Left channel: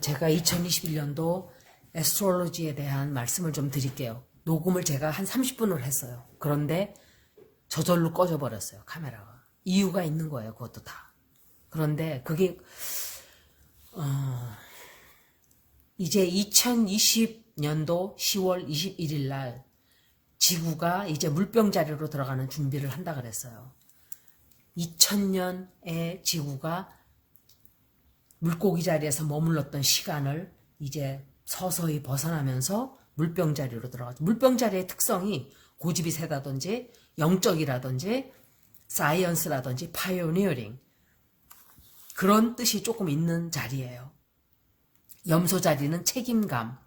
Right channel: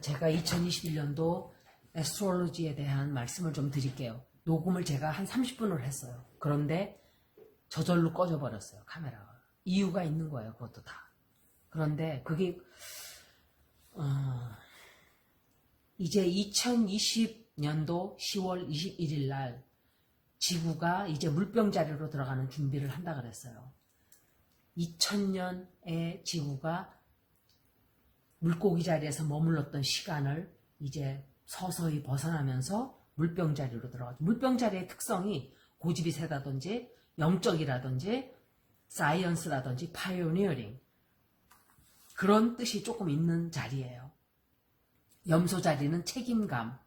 제가 2021년도 애스트롤로지에 대한 말씀을 좀 드릴게요. 녹음을 제가 한 30분을 했어요. 그런데 저절로 꺼져버렸어요, 카메라가. 이유가 있는 거예요, 그것도 다. 그런데 그게 이제 2020년도 10월 21일 날 지구가 이제 물병자리로 들어가는 준비를 한다 그랬어요. 2000년에 지구가 물고기 자리에서 머물렀던 시간을 이제 서서히 벗어나면서 물병자리로 들어가죠. 물병자리의 특성이 고집이 세다든지 영적이라든지 사이언스라든지 파이오니어링 그런 뜻이 조금 있는 자리예요. 염소 자리는 책임감.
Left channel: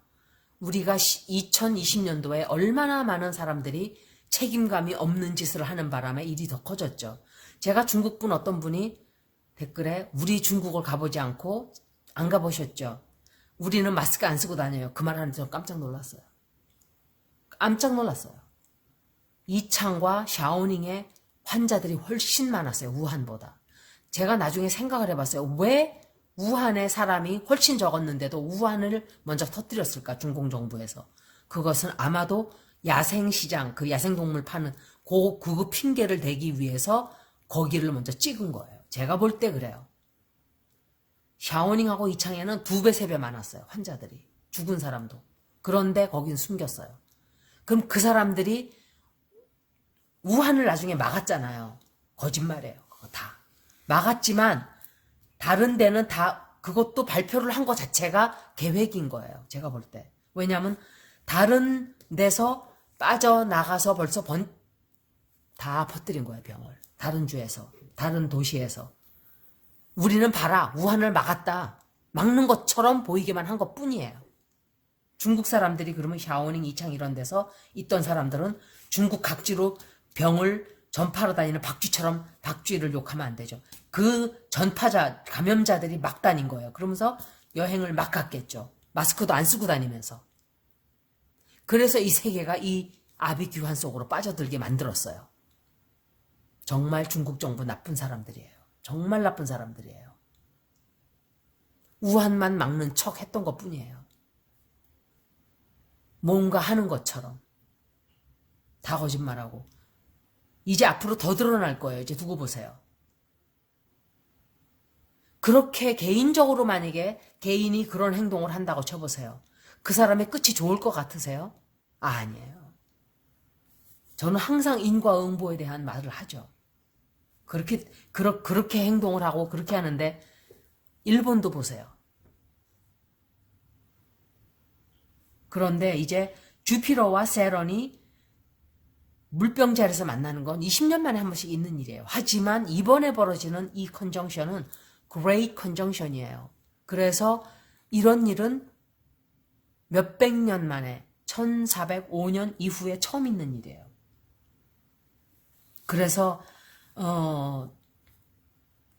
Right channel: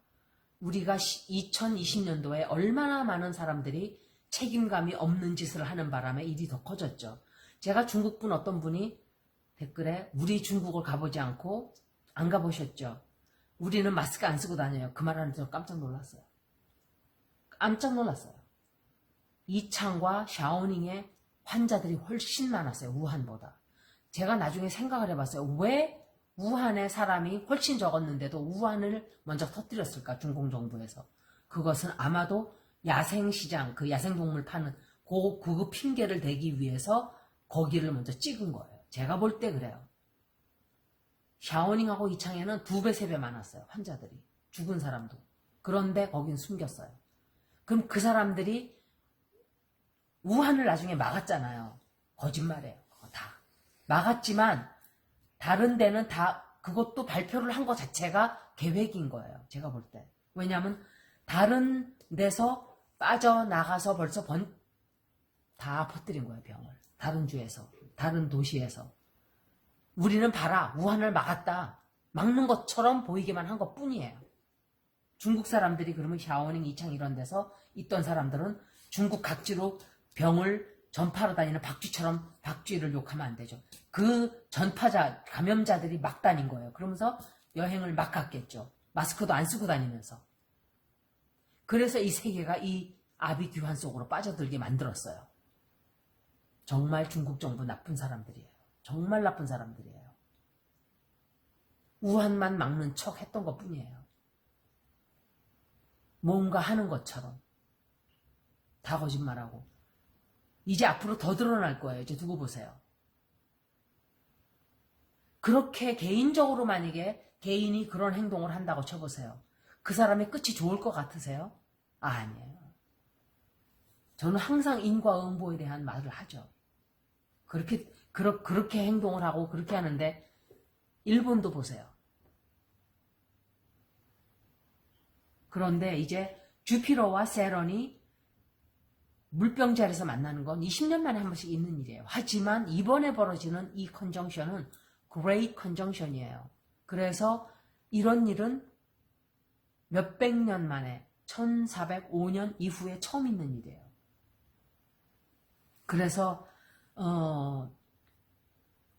우리가 2020년도에 얼마나 많은 사람들이 책임감이 없는 짓을 하는 바람에 일이 더 커졌죠. 제가 중국분 어떤 분이 댓글에 우리 중국을 가보지 않고 안 가보셨죠? 우리는 마스크 안 쓰고 다녀요. 그 말 하는데 저 깜짝 놀랐어요. 깜짝 놀랐어요. 이창과 샤오닝의 환자들이 훨씬 많았어요. 우한보다. 제가 나중에 생각을 해봤어요. 왜 우한에 사람이 훨씬 적었는데도 우한을 먼저 터뜨렸을까? 중공 정부에서. 그것은 아마도 야생시장, 그 야생동물 파는 그 핑계를 대기 위해서 거기를 먼저 찍은 거예요. 제가 볼 때 그래요. 샤오닝하고 이창에는 2배, 3배 많았어요. 환자들이. 죽은 사람도. 그런데 거긴 숨겼어요. 그럼 그 사람들이 우한을 나중에 막았잖아요. 거짓말이에요. 그거 다. 막았지만 다른 데는 다 그것도 발표를 한 것 자체가 계획인 거예요. 제가 볼 때. 왜냐하면 다른 데서 빠져나가서 벌써 다 퍼뜨린 거예요. 병을. 다른 주에서. 다른 도시에서. 우리는 봐라. 우한을 막았다. 막는 것처럼 보이게만 한 것뿐이에요. 중국 사람들이 그러면 샤오닝, 이창 이런 데서 있던 사람들은 중국 각지로 병을 전파로 다니는 박쥐처럼 박쥐를 욕하면 안 되죠. 그 전파자, 감염자들이 막 다닌 거예요. 그러면서 여행을 막 갔겠죠. 마스크도 안 쓰고 다니면서. 그래서 이 세계가 이 아비규환 속으로 빠져들게 만들었어요. 정말 중국 정부 나쁜 사람들이에요. 정말 나쁜 사람들이에요. 우한만 막는 척 했던 것 뿐이에요. 뭔가 하는 것처럼. 다 거짓말하고. 이제 앞으로 더 드러날 거예요. 이제 두고 보세요. 그렇게 개인적으로 만약에 개인이 그런 행동을 한다고 쳐보세요. 그 사람의 끝이 좋을 것 같으세요? 아니에요. 저는 항상 인과응보에 대한 말을 하죠. 그렇게 행동을 하고 그렇게 하는데 일본도 보세요. 그런데 이제 주피터와 세런이 물병자리에서 만나는 건 20년 만에 한 번씩 있는 일이에요. 하지만 이번에 벌어지는 이 컨정션은 Great Conjunction이에요. 그래서 이런 일은 몇백 년 만에 1405년 이후에 처음 있는 일이에요. 그래서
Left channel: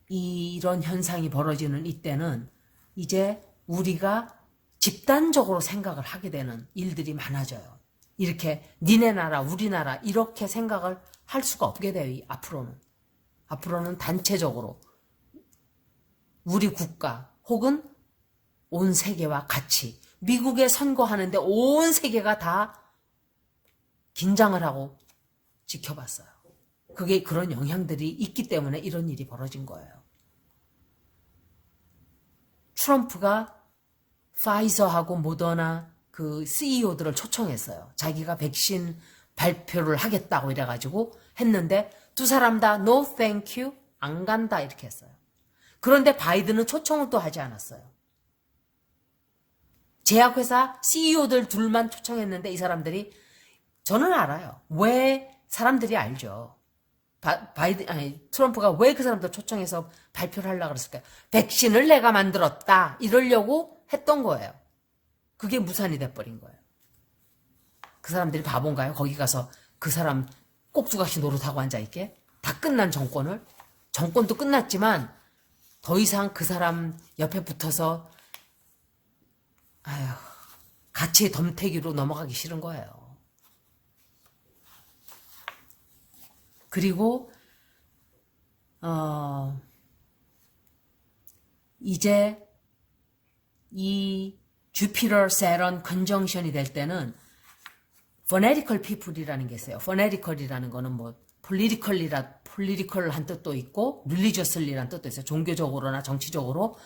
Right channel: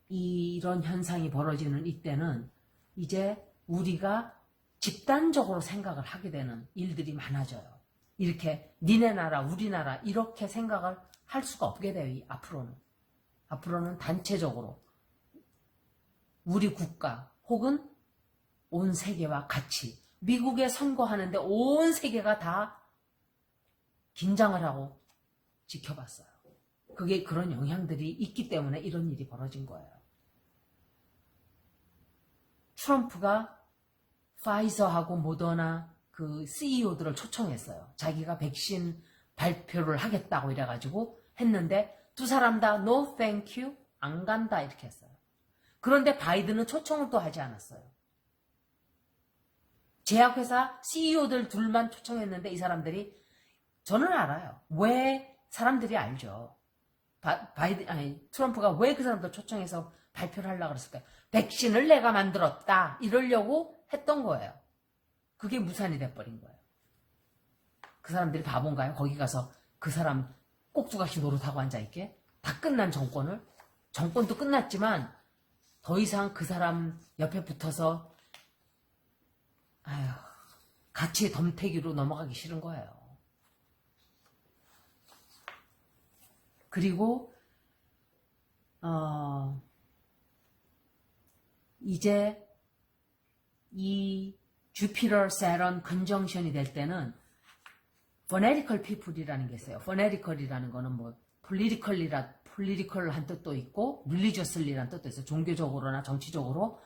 이런 현상이 벌어지는 이때는 이제 우리가 집단적으로 생각을 하게 되는 일들이 많아져요. 이렇게 니네 나라, 우리나라 이렇게 생각을 할 수가 없게 돼요. 앞으로는 단체적으로 우리 국가 혹은 온 세계와 같이 미국에 선거하는데 온 세계가 다 긴장을 하고 지켜봤어요. 그게 그런 영향들이 있기 때문에 이런 일이 벌어진 거예요. 트럼프가 파이저하고 모더나 그 CEO들을 초청했어요. 자기가 백신 발표를 하겠다고 이래가지고 했는데 두 사람 다 no thank you 안 간다 이렇게 했어요. 그런데 바이든은 초청을 또 하지 않았어요. 제약회사 CEO들 둘만 초청했는데 이 사람들이 저는 알아요. 왜 사람들이 알죠. 트럼프가 왜 그 사람들 초청해서 발표를 하려고 그랬을까요? 백신을 내가 만들었다 이러려고 했던 거예요. 그게 무산이 돼버린 거예요. 그 사람들이 바본가요? 거기 가서 그 사람 꼭두각시 노릇하고 앉아있게? 다 끝난 정권도 끝났지만 더 이상 그 사람 옆에 붙어서 같이 덤태기로 넘어가기 싫은 거예요. 그리고 이제 이 주피터 세런 컨정션이 될 때는 fanatical people이라는 게 있어요. fanatical이라는 거는 뭐 political한 뜻도 있고 religiously란 뜻도 있어요. 종교적으로나 정치적으로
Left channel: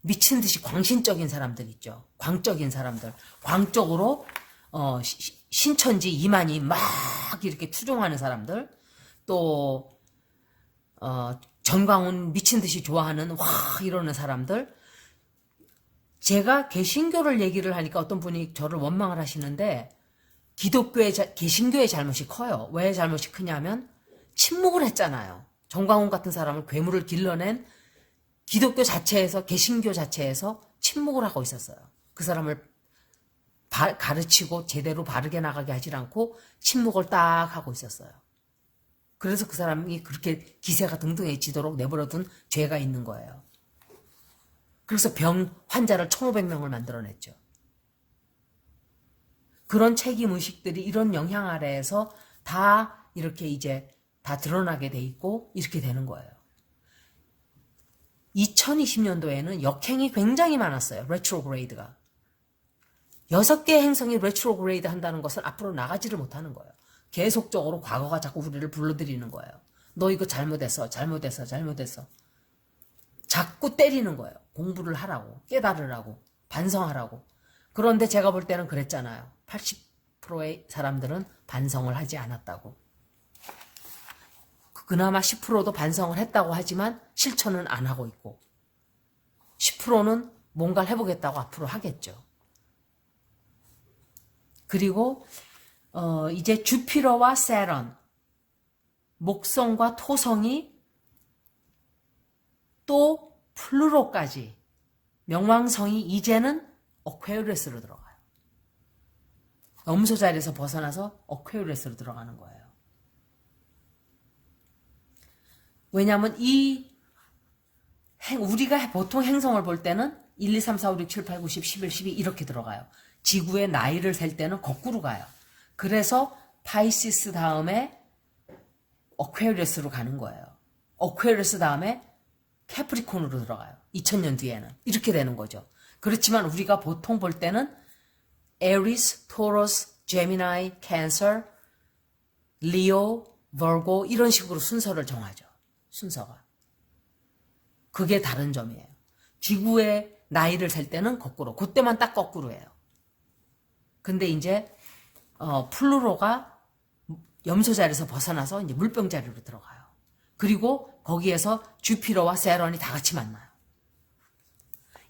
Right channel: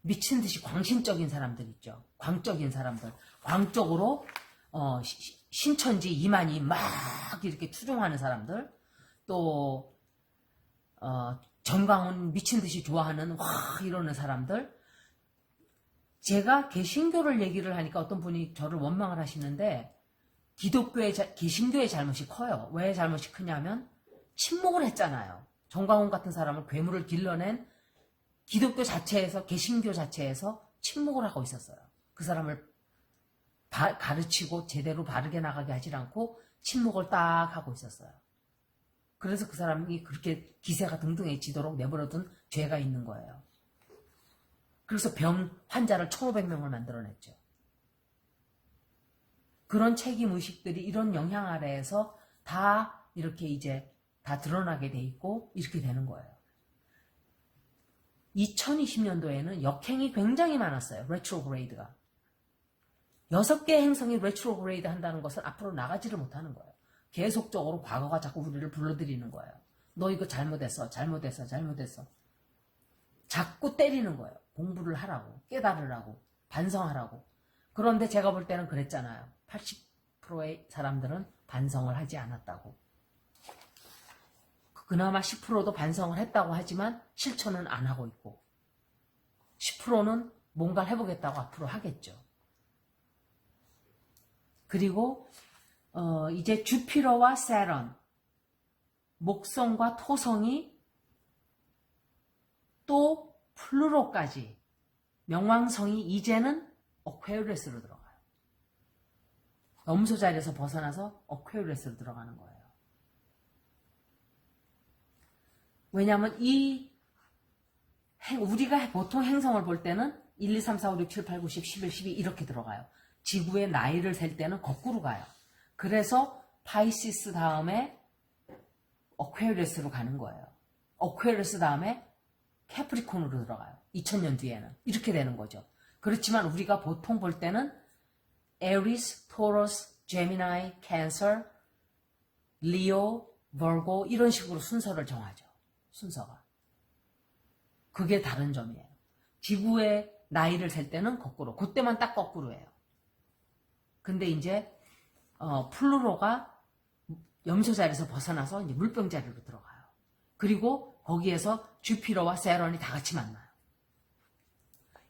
미친 듯이 광신적인 사람들 있죠. 광적인 사람들. 광적으로 신천지 이만희 막 이렇게 투정하는 사람들. 또 전광훈 미친 듯이 좋아하는 와 이러는 사람들. 제가 개신교를 얘기를 하니까 어떤 분이 저를 원망을 하시는데 개신교의 잘못이 커요. 왜 잘못이 크냐면 침묵을 했잖아요. 전광훈 같은 사람을 괴물을 길러낸 기독교 자체에서 개신교 자체에서 침묵을 하고 있었어요. 그 사람을 가르치고 제대로 바르게 나가게 하지 않고 침묵을 딱 하고 있었어요. 그래서 그 사람이 그렇게 기세가 등등해지도록 내버려둔 죄가 있는 거예요. 그래서 환자를 1,500명을 만들어냈죠. 그런 책임의식들이 이런 영향 아래에서 다 이렇게 이제 다 드러나게 돼 있고 이렇게 되는 거예요. 2020년도에는 역행이 굉장히 많았어요. 레트로그레이드가. 6개의 행성이 레트로그레이드 한다는 것은 앞으로 나가지를 못하는 거예요. 계속적으로 과거가 자꾸 우리를 불러들이는 거예요. 너 이거 잘못했어. 자꾸 때리는 거예요. 공부를 하라고, 깨달으라고, 반성하라고. 그런데 제가 볼 때는 그랬잖아요. 80%의 사람들은 반성을 하지 않았다고. 그나마 10%도 반성을 했다고 하지만 실천은 안 하고 있고 10%는 뭔가를 해보겠다고 앞으로 하겠죠. 그리고 이제 주피터와 세런, 목성과 토성이 또 플루토까지 명왕성이 이제는 어퀘리어스로 들어가요. 염소 자리에서 벗어나서 어퀘리어스로 들어가는 거예요. 왜냐하면 우리가 보통 행성을 볼 때는 1, 2, 3, 4, 5, 6, 7, 8, 9, 10, 11, 12 이렇게 들어가요. 지구의 나이를 셀 때는 거꾸로 가요. 그래서 파이시스 다음에 어퀘리어스로 가는 거예요. 어퀘리어스 다음에 캐프리콘으로 들어가요. 2000년 뒤에는. 이렇게 되는 거죠. 그렇지만 우리가 보통 볼 때는 에리스, 토러스, 제미나이, 캔서, 리오, 버고 이런 식으로 순서를 정하죠. 순서가. 그게 다른 점이에요. 지구의 나이를 셀 때는 거꾸로. 그때만 딱 거꾸로예요. 근데 이제 플루토가 염소 자리에서 벗어나서 이제 물병 자리로 들어가요. 그리고 거기에서 주피터와 세런이 다 같이 만나요.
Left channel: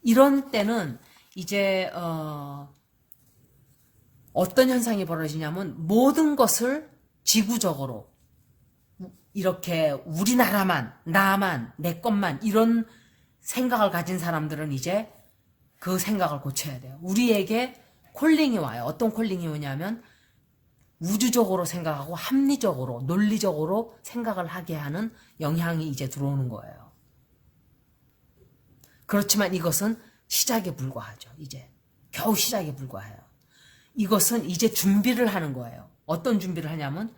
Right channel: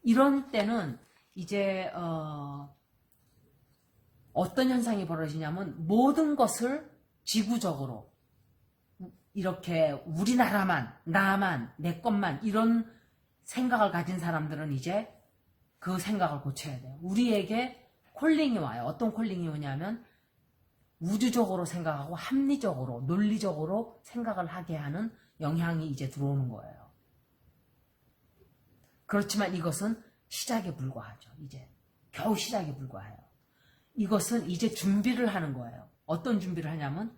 이런 때는 이제 어떤 현상이 벌어지냐면 모든 것을 지구적으로 이렇게 우리나라만, 나만, 내 것만 이런 생각을 가진 사람들은 이제 그 생각을 고쳐야 돼요. 우리에게 콜링이 와요. 어떤 콜링이 오냐면 우주적으로 생각하고 합리적으로, 논리적으로 생각을 하게 하는 영향이 이제 들어오는 거예요. 그렇지만 이것은 시작에 불과하죠. 이제 겨우 시작에 불과해요. 이것은 이제 준비를 하는 거예요. 어떤 준비를 하냐면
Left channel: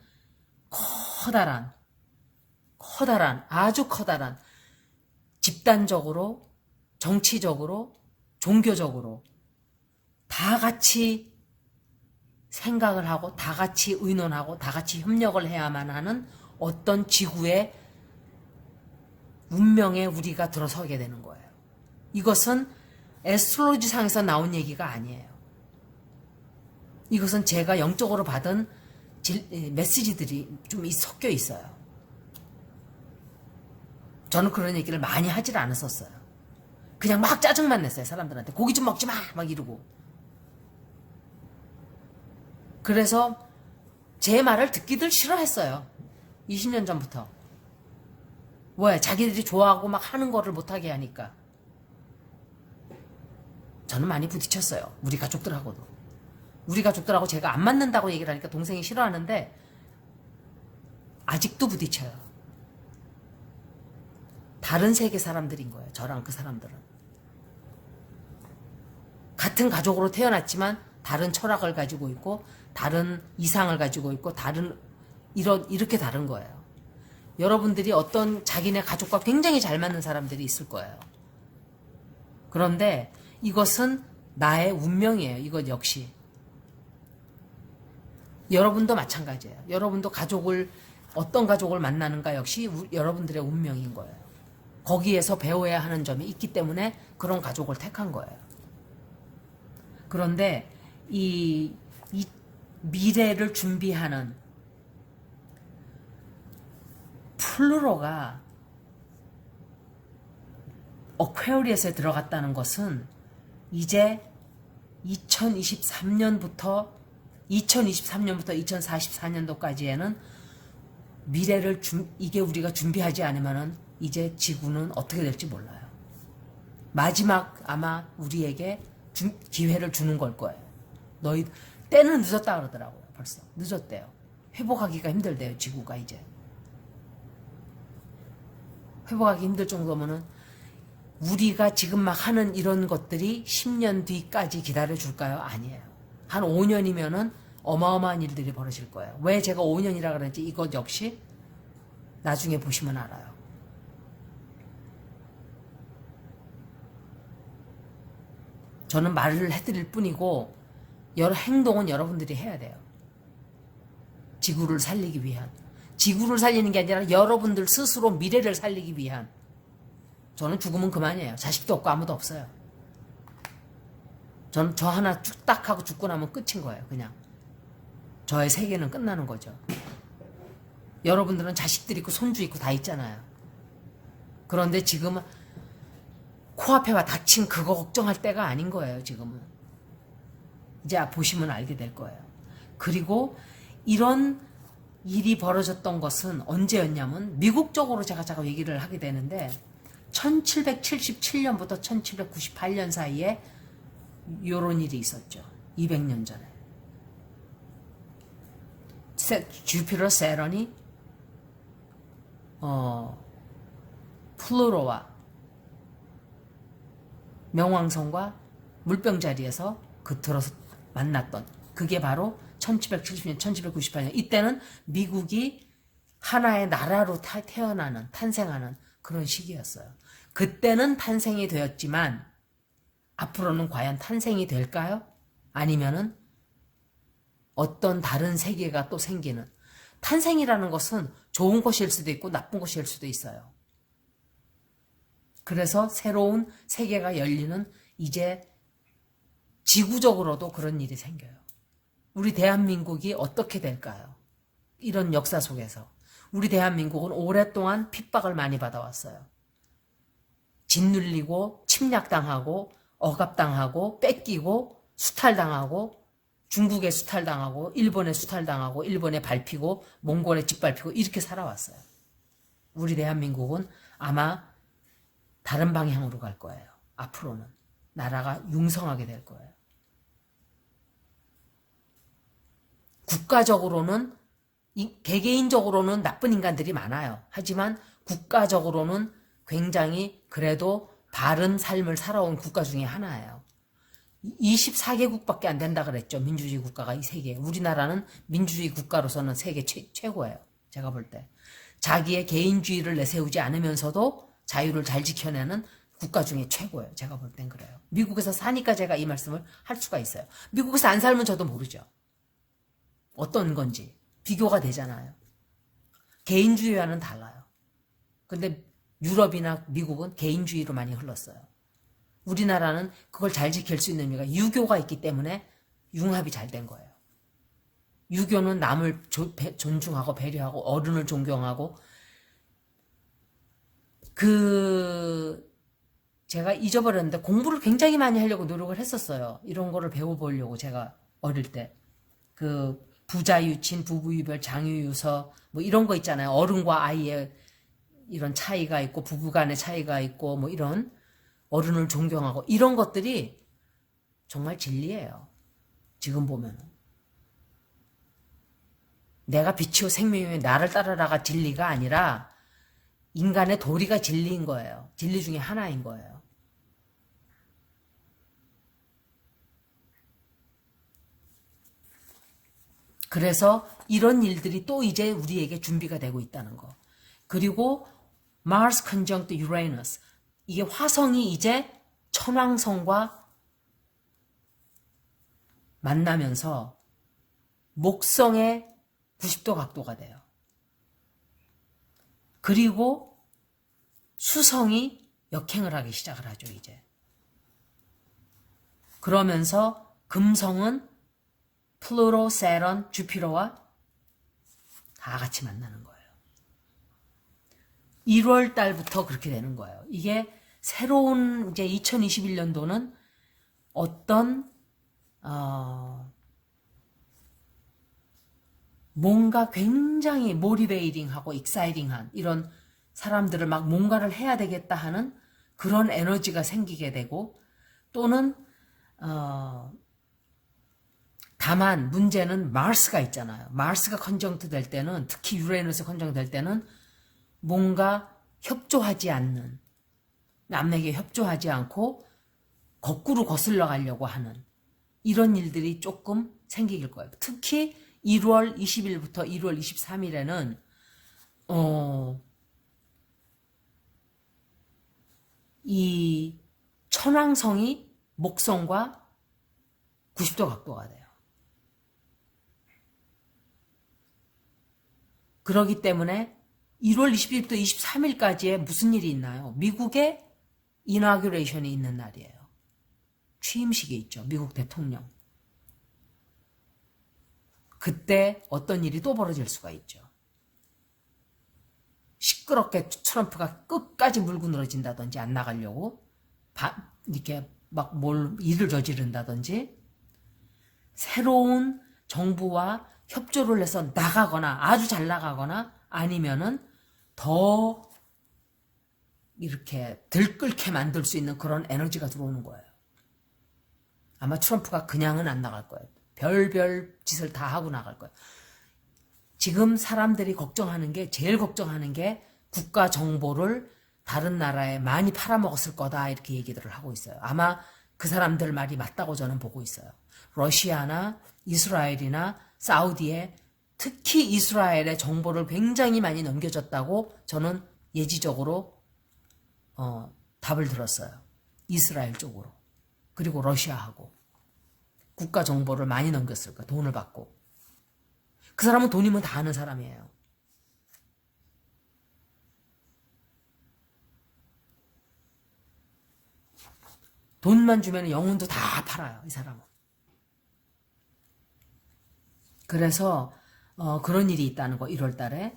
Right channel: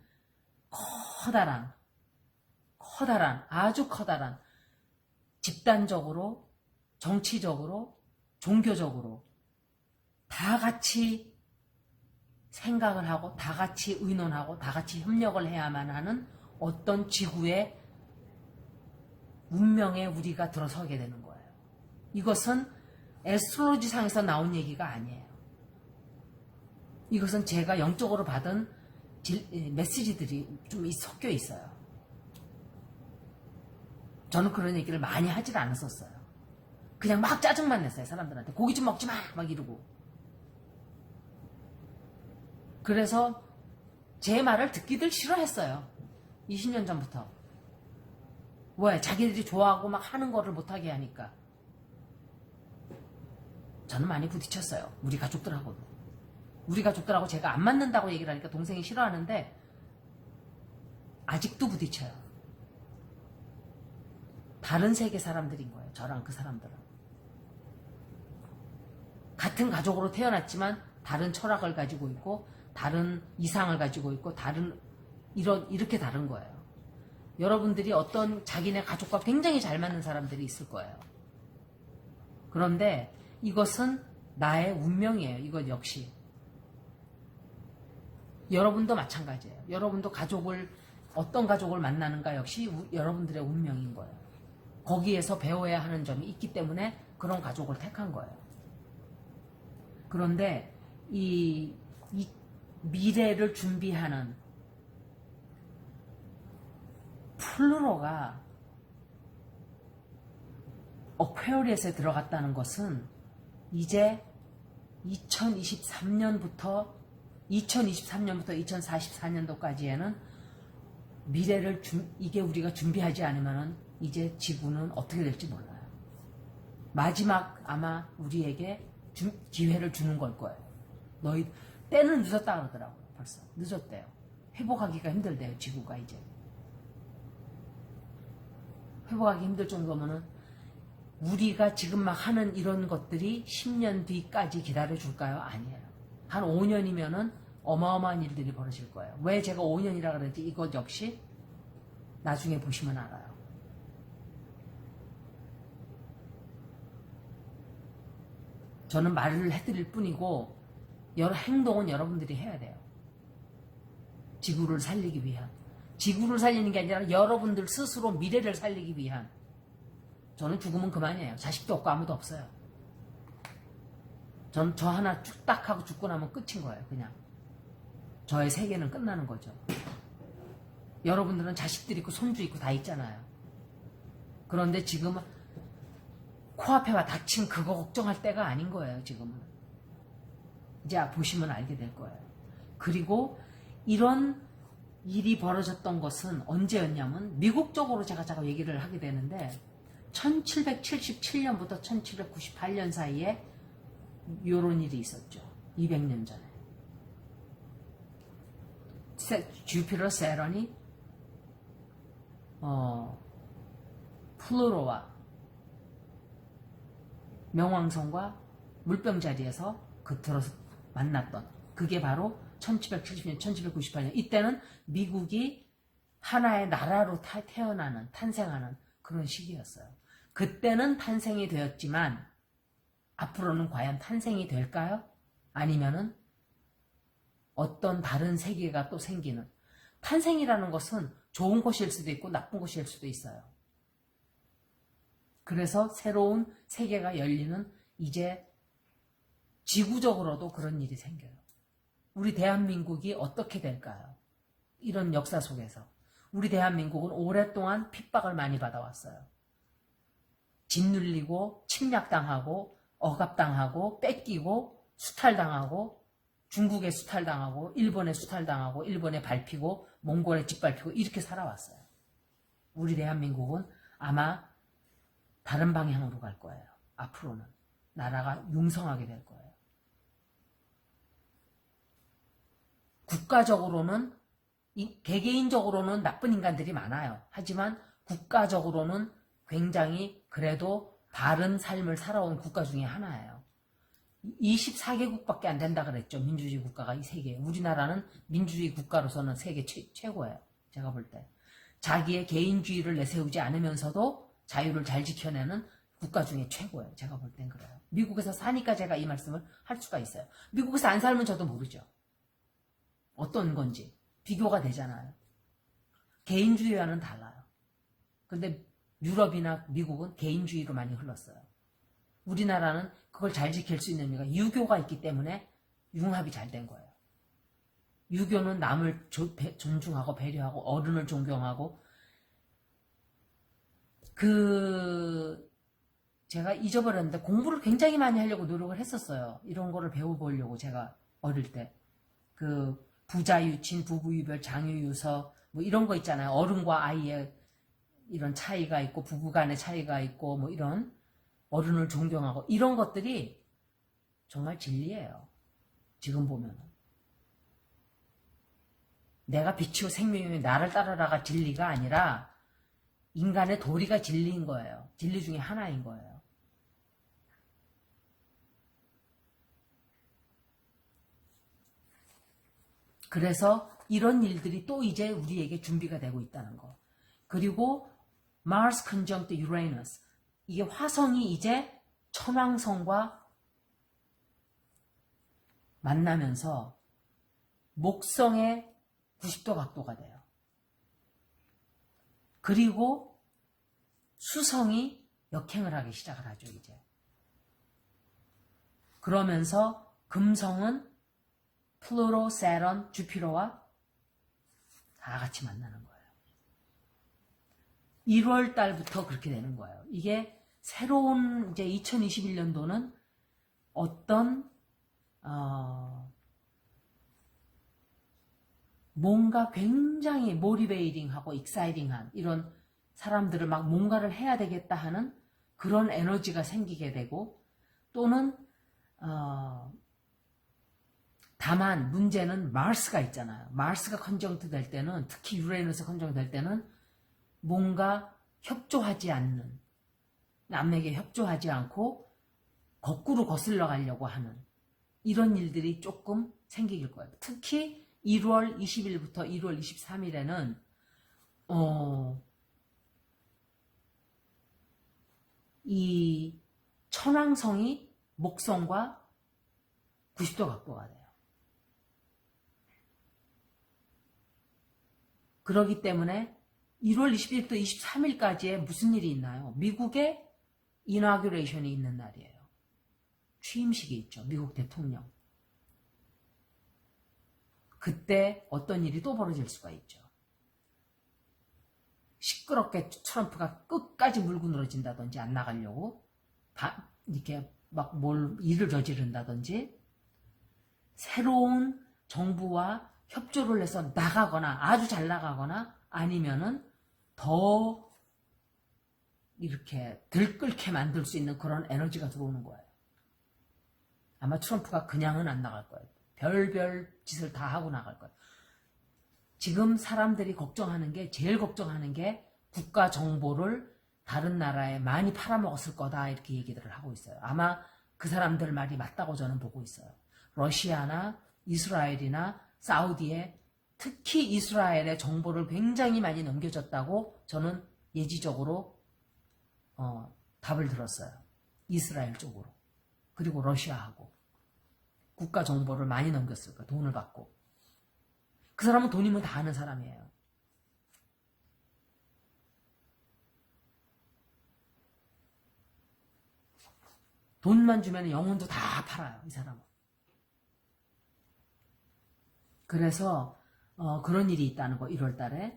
아주 커다란 집단적으로, 정치적으로, 종교적으로 다 같이 생각을 하고 다 같이 의논하고 다 같이 협력을 해야만 하는 어떤 지구의 운명에 우리가 들어서게 되는 거예요. 이것은 에스트로로지상에서 나온 얘기가 아니에요. 이것은 제가 영적으로 받은 메시지들이 좀 섞여 있어요. 저는 그런 얘기를 많이 하질 않았었어요. 그냥 막 짜증만 냈어요. 사람들한테. 고기 좀 먹지 마! 막 이러고. 그래서 제 말을 듣기들 싫어했어요. 20년 전부터. 왜? 자기들이 좋아하고 막 하는 거를 못하게 하니까. 저는 많이 부딪혔어요. 우리 가족들하고도. 우리 가족들하고 제가 안 맞는다고 얘기를 하니까 동생이 싫어하는데 아직도 부딪혀요. 다른 세계 사람들인 거예요. 저랑 그 사람들은. 같은 가족으로 태어났지만 다른 철학을 가지고 있고 다른 이상을 가지고 있고 이렇게 다른 거예요. 여러분들이 어떤 자기네 가족과 굉장히 잘 맞는 사람들이 있을 거예요. 그런데 이것은 나의 운명이에요. 이것 역시. 여러분도 마찬가지예요. 여러분도 어떤 가족을 만나는가 역시 여러분들의 운명인 거예요. 거기에서 배워야 하는 점이 있기 때문에 그런 가족을 택한 거예요. 그런데 이 미래를 준비하는 플루토가 어퀘리어스에 들어갔다는 것은 이제 2023년부터 2044년도까지에는 미래를 이게 우리가 준비하지 않으면은 이제 지구는 어떻게 될지 몰라요. 마지막 아마 우리에게 기회를 주는 걸 거예요. 너희 때는 늦었다 그러더라고요. 벌써 늦었대요. 회복하기가 힘들대요. 지구가 이제 회복하기 힘들 정도면은 우리가 지금 막 하는 이런 것들이 10년 뒤까지 기다려줄까요? 아니에요. 한 5년이면은 어마어마한 일들이 벌어질 거예요. 왜 제가 5년이라 그러는지 이것 역시 나중에 보시면 알아요. 저는 말을 해드릴 뿐이고 여러 행동은 여러분들이 해야 돼요. 지구를 살리기 위한. 지구를 살리는 게 아니라 여러분들 스스로 미래를 살리기 위한. 저는 죽으면 그만이에요. 자식도 없고 아무도 없어요. 저는 저 하나 딱 하고 죽고 나면 끝인 거예요. 그냥. 저의 세계는 끝나는 거죠. 여러분들은 자식들 있고 손주 있고 다 있잖아요. 그런데 지금은 코앞에 와 닥친 그거 걱정할 때가 아닌 거예요. 지금은. 이제 보시면 알게 될 거예요. 그리고 이런 일이 벌어졌던 것은 언제였냐면 미국적으로 제가 자꾸 얘기를 하게 되는데 1777년부터 1798년 사이에 이런 일이 있었죠. 200년 전에. 주피터 세런이 플루토와 명왕성과 물병자리에서 겉들어서 만났던 그게 바로 1770년, 1798년. 이때는 미국이 하나의 나라로 탄생하는 그런 시기였어요. 그때는 탄생이 되었지만 앞으로는 과연 탄생이 될까요? 아니면은 어떤 다른 세계가 또 생기는. 탄생이라는 것은 좋은 것일 수도 있고 나쁜 것일 수도 있어요. 그래서 새로운 세계가 열리는 이제 지구적으로도 그런 일이 생겨요. 우리 대한민국이 어떻게 될까요? 이런 역사 속에서. 우리 대한민국은 오랫동안 핍박을 많이 받아왔어요. 짓눌리고 침략당하고 억압당하고 뺏기고 수탈당하고 중국에 수탈당하고 일본에 수탈당하고 일본에 밟히고 몽골에 짓밟히고 이렇게 살아왔어요. 우리 대한민국은 아마 다른 방향으로 갈 거예요. 앞으로는. 나라가 융성하게 될 거예요. 국가적으로는 개개인적으로는 나쁜 인간들이 많아요. 하지만 국가적으로는 굉장히 그래도 바른 삶을 살아온 국가 중에 하나예요. 24개국밖에 안 된다 그랬죠. 민주주의 국가가 이 세계. 우리나라는 민주주의 국가로서는 세계 최고예요. 제가 볼 때. 자기의 개인주의를 내세우지 않으면서도 자유를 잘 지켜내는 국가 중에 최고예요. 제가 볼 땐 그래요. 미국에서 사니까 제가 이 말씀을 할 수가 있어요. 미국에서 안 살면 저도 모르죠. 어떤 건지. 비교가 되잖아요. 개인주의와는 달라요. 근데 유럽이나 미국은 개인주의로 많이 흘렀어요. 우리나라는 그걸 잘 지킬 수 있는 이유가 유교가 있기 때문에 융합이 잘 된 거예요. 유교는 남을 존중하고 배려하고 어른을 존경하고 제가 잊어버렸는데 공부를 굉장히 많이 하려고 노력을 했었어요. 이런 거를 배워보려고 제가 어릴 때. 부자유친, 부부유별, 장유유서 뭐 이런 거 있잖아요. 어른과 아이의 이런 차이가 있고 부부 간의 차이가 있고 뭐 이런 어른을 존경하고 이런 것들이 정말 진리예요. 지금 보면 내가 빛이요 생명이요 나를 따르라가 진리가 아니라 인간의 도리가 진리인 거예요. 진리 중에 하나인 거예요. 그래서 이런 일들이 또 이제 우리에게 준비가 되고 있다는 거. 그리고 Mars conjunct Uranus. 이게 화성이 이제 천왕성과 만나면서 목성의 90도 각도가 돼요. 그리고 수성이 역행을 하기 시작을 하죠, 이제. 그러면서 금성은 플루토, 세런, 주피터와 다 같이 만나는 거예요. 1월 달부터 그렇게 되는 거예요. 이게 새로운 이제 2021년도는 어떤 뭔가 굉장히 모티베이팅하고 익사이팅한 이런 사람들을 막 뭔가를 해야 되겠다 하는 그런 에너지가 생기게 되고 또는 다만 문제는 마스가 있잖아요. 마스가 컨정트 될 때는 특히 유레너스 컨정트 될 때는 뭔가 협조하지 않는 남에게 협조하지 않고 거꾸로 거슬러 가려고 하는 이런 일들이 조금 생길 거예요. 특히 1월 20일부터 1월 23일에는 이 천왕성이 목성과 90도 각도가 돼요. 그렇기 때문에 1월 20일부터 23일까지에 무슨 일이 있나요? 미국의 이나규레이션이 있는 날이에요. 취임식이 있죠. 미국 대통령. 그때 어떤 일이 또 벌어질 수가 있죠. 시끄럽게 트럼프가 끝까지 물고 늘어진다든지 안 나가려고 이렇게 막 일을 저지른다든지 새로운 정부와 협조를 해서 나가거나 아주 잘 나가거나 아니면은 더 이렇게 들끓게 만들 수 있는 그런 에너지가 들어오는 거예요. 아마 트럼프가 그냥은 안 나갈 거예요. 별별 짓을 다 하고 나갈 거예요. 지금 사람들이 걱정하는 게 제일 걱정하는 게 국가 정보를 다른 나라에 많이 팔아먹었을 거다 이렇게 얘기들을 하고 있어요. 아마 그 사람들 말이 맞다고 저는 보고 있어요. 러시아나 이스라엘이나 사우디에 특히 이스라엘의 정보를 굉장히 많이 넘겨줬다고 저는 예지적으로 답을 들었어요. 이스라엘 쪽으로. 그리고 러시아하고 국가 정보를 많이 넘겼을 거예요. 돈을 받고. 그 사람은 돈이면 다 아는 사람이에요. 돈만 주면 영혼도 다 팔아요. 이 사람은. 그래서 그런 일이 있다는 거 1월 달에.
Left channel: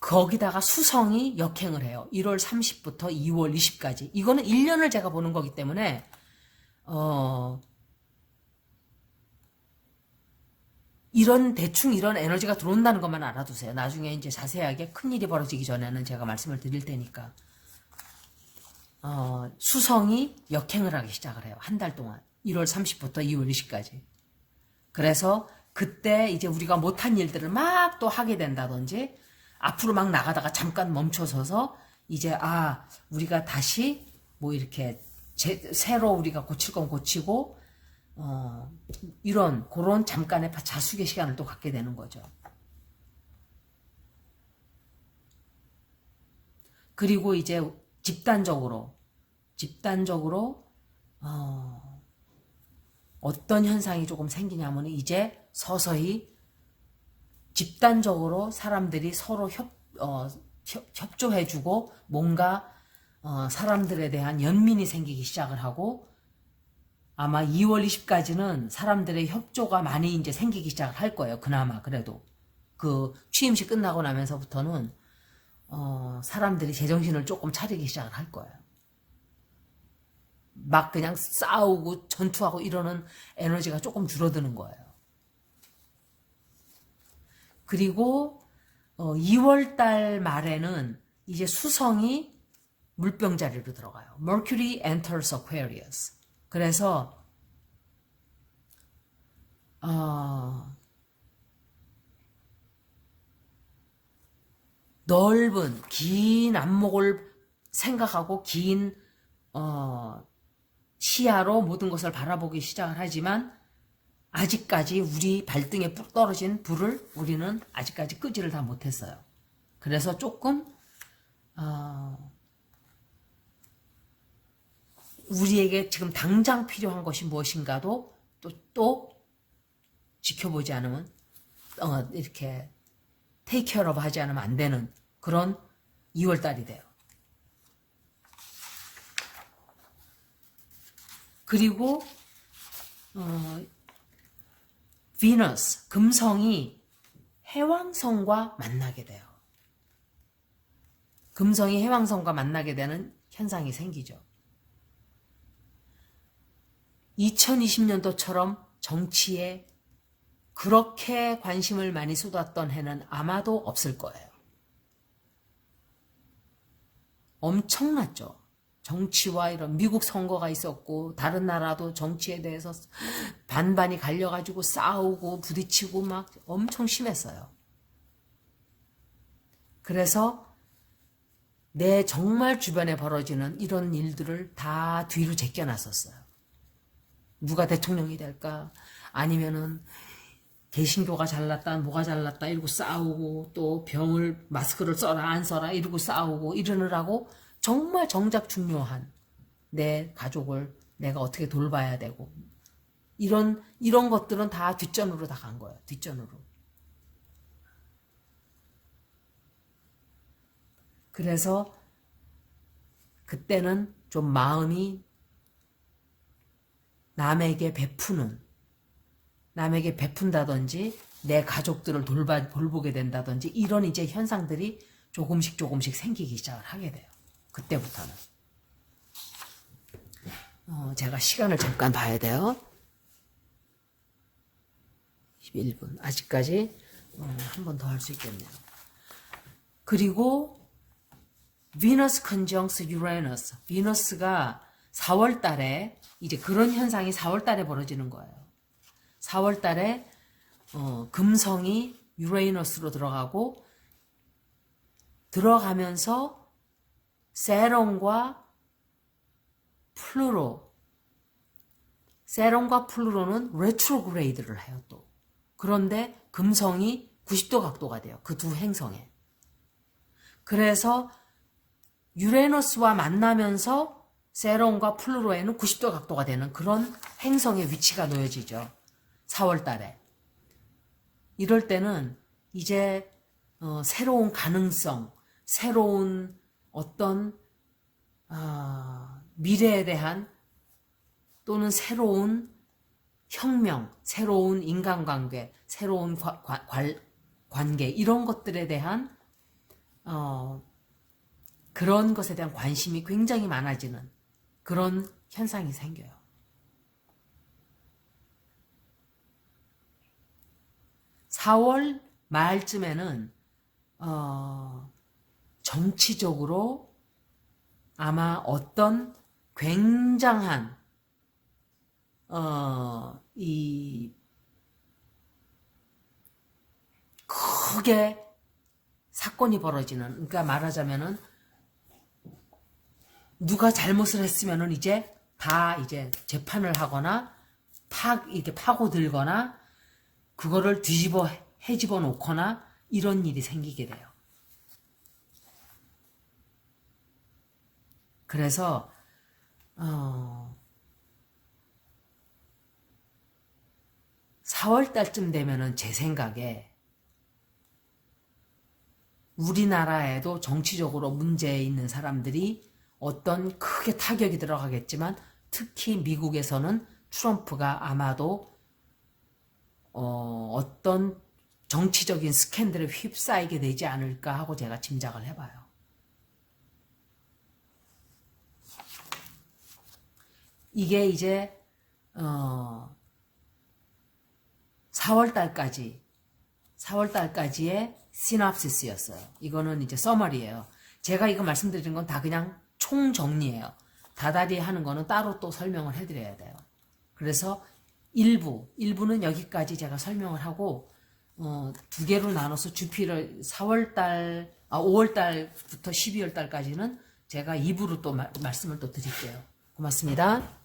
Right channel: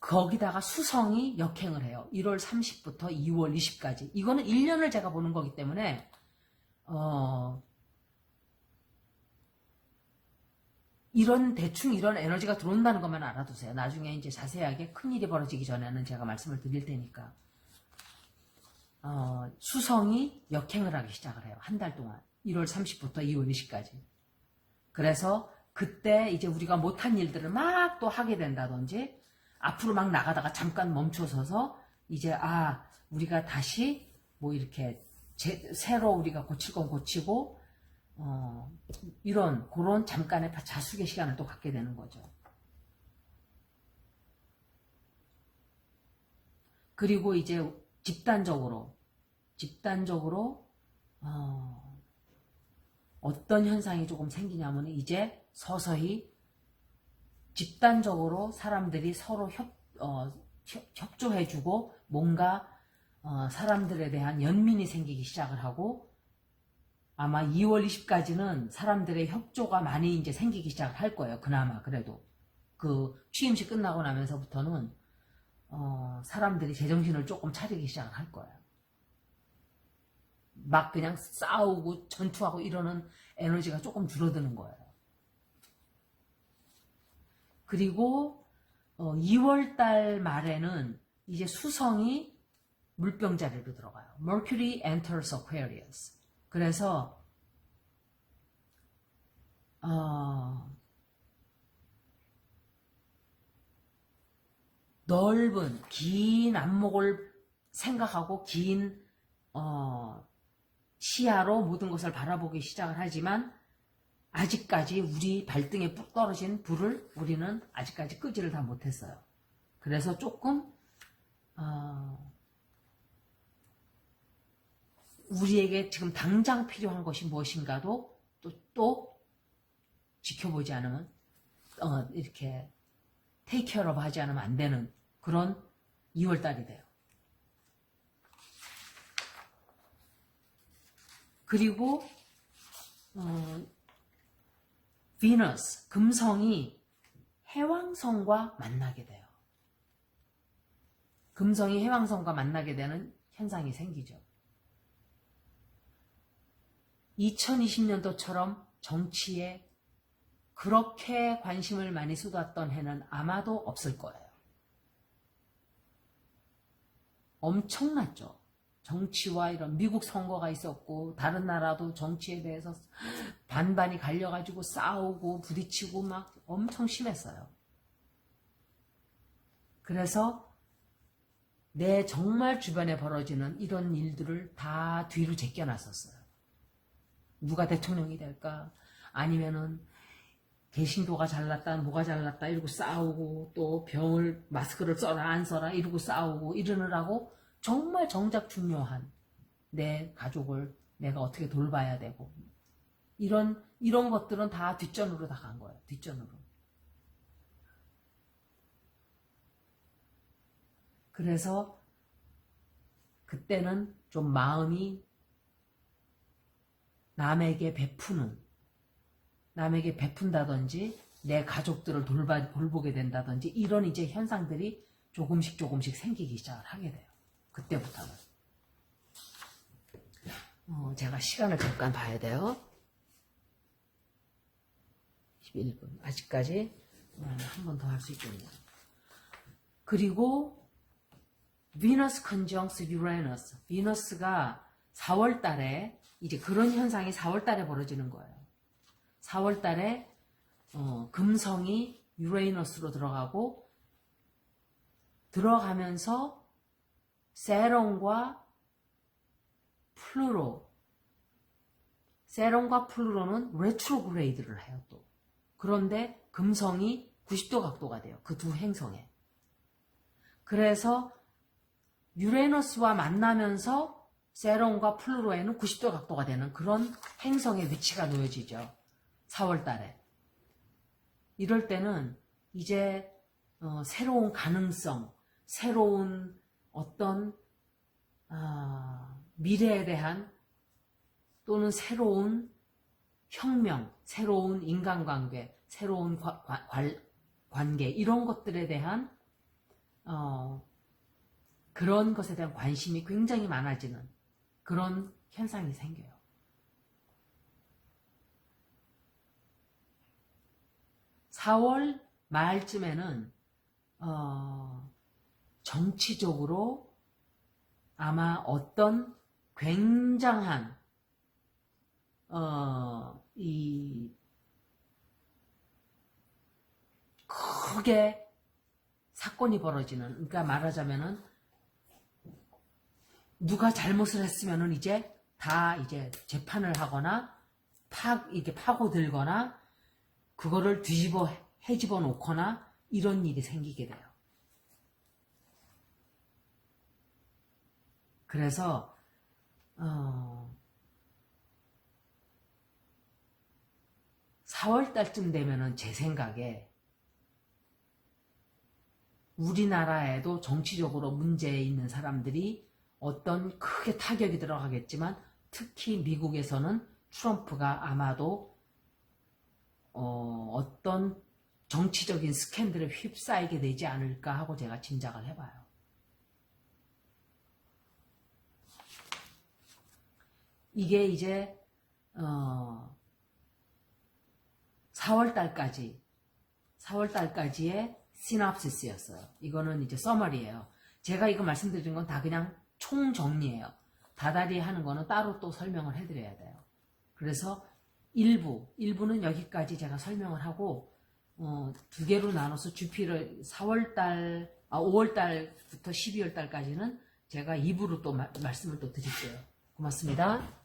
거기다가 수성이 역행을 해요. 1월 30부터 2월 20까지. 이거는 1년을 제가 보는 거기 때문에 대충 이런 에너지가 들어온다는 것만 알아두세요. 나중에 이제 자세하게 큰일이 벌어지기 전에는 제가 말씀을 드릴 테니까. 수성이 역행을 하기 시작을 해요. 한 달 동안. 1월 30부터 2월 20까지. 그래서 그때 이제 우리가 못한 일들을 막 또 하게 된다든지 앞으로 막 나가다가 잠깐 멈춰서서 이제 우리가 다시 뭐 이렇게 새로 우리가 고칠 건 고치고 그런 잠깐의 자숙의 시간을 또 갖게 되는 거죠. 그리고 이제 집단적으로 어떤 현상이 조금 생기냐면 이제 서서히 집단적으로 사람들이 서로 협조해주고 뭔가 사람들에 대한 연민이 생기기 시작을 하고 아마 2월 20까지는 사람들의 협조가 많이 이제 생기기 시작을 할 거예요. 그나마 그래도 그 취임식 끝나고 나면서부터는 사람들이 제정신을 조금 차리기 시작을 할 거예요. 막 그냥 싸우고 전투하고 이러는 에너지가 조금 줄어드는 거예요. 그리고 2월 달 말에는 이제 수성이 물병 자리로 들어가요. Mercury enters Aquarius. 그래서 넓은 긴 안목을 생각하고 긴 시야로 모든 것을 바라보기 시작을 하지만 아직까지 우리 발등에 떨어진 불을 우리는 아직까지 끄지를 다 못했어요. 그래서 조금 우리에게 지금 당장 필요한 것이 무엇인가도 또 지켜보지 않으면 이렇게 테이크 케어업 하지 않으면 안 되는 그런 2월달이 돼요. 그리고 비너스, 금성이 해왕성과 만나게 돼요. 금성이 해왕성과 만나게 되는 현상이 생기죠. 2020년도처럼 정치에 그렇게 관심을 많이 쏟았던 해는 아마도 없을 거예요. 엄청났죠. 정치와 이런 미국 선거가 있었고 다른 나라도 정치에 대해서 반반이 갈려가지고 싸우고 부딪히고 막 엄청 심했어요. 그래서 내 정말 주변에 벌어지는 이런 일들을 다 뒤로 제껴놨었어요. 누가 대통령이 될까? 아니면은 개신교가 잘났다, 뭐가 잘났다 이러고 싸우고 또 병을 마스크를 써라 안 써라 이러고 싸우고 이러느라고 정말 정작 중요한 내 가족을 내가 어떻게 돌봐야 되고 이런 것들은 다 뒷전으로 다 간 거예요. 뒷전으로. 그래서 그때는 좀 마음이 남에게 베푼다든지 내 가족들을 돌보게 된다든지 이런 이제 현상들이 조금씩 생기기 시작을 하게 돼요. 그때부터는. 제가 시간을 잠깐 봐야 돼요. 11분. 아직까지 한 번 더 할 수 있겠네요. 그리고 비너스 컨정스 유레너스. 비너스가 4월 달에 이제 그런 현상이 4월 달에 벌어지는 거예요. 4월 달에 금성이 유레너스로 들어가면서 세론과 플루로는 레트로그레이드를 해요 또. 그런데 금성이 90도 각도가 돼요. 그 두 행성에. 그래서 유레너스와 만나면서 세론과 플루로에는 90도 각도가 되는 그런 행성의 위치가 놓여지죠. 4월 달에. 이럴 때는 이제 새로운 가능성, 새로운 어떤 미래에 대한 또는 새로운 혁명, 새로운 인간관계, 새로운 관계 이런 것들에 대한 그런 것에 대한 관심이 굉장히 많아지는 그런 현상이 생겨요. (4월) 말쯤에는 정치적으로 아마 어떤 굉장한 이 크게 사건이 벌어지는, 그러니까 말하자면은 누가 잘못을 했으면은 이제 다 이제 재판을 하거나 이렇게 파고들거나 그거를 헤집어 놓거나 이런 일이 생기게 돼요. 그래서 4월 달쯤 되면은 제 생각에 우리나라에도 정치적으로 문제 있는 사람들이 어떤 크게 타격이 들어가겠지만 특히 미국에서는 트럼프가 아마도 어떤 정치적인 스캔들에 휩싸이게 되지 않을까 하고 제가 짐작을 해봐요. 이게 이제 4월 달까지의 시놉시스였어요. 이거는 이제 서머리예요. 제가 이거 말씀드린 건 다 그냥 총정리예요. 다달이 하는 거는 따로 또 설명을 해드려야 돼요. 그래서 일부는 여기까지 제가 설명을 하고 두 개로 나눠서 주피를 5월 달부터 12월 달까지는 제가 2부로 또 말씀을 또 드릴게요. 고맙습니다.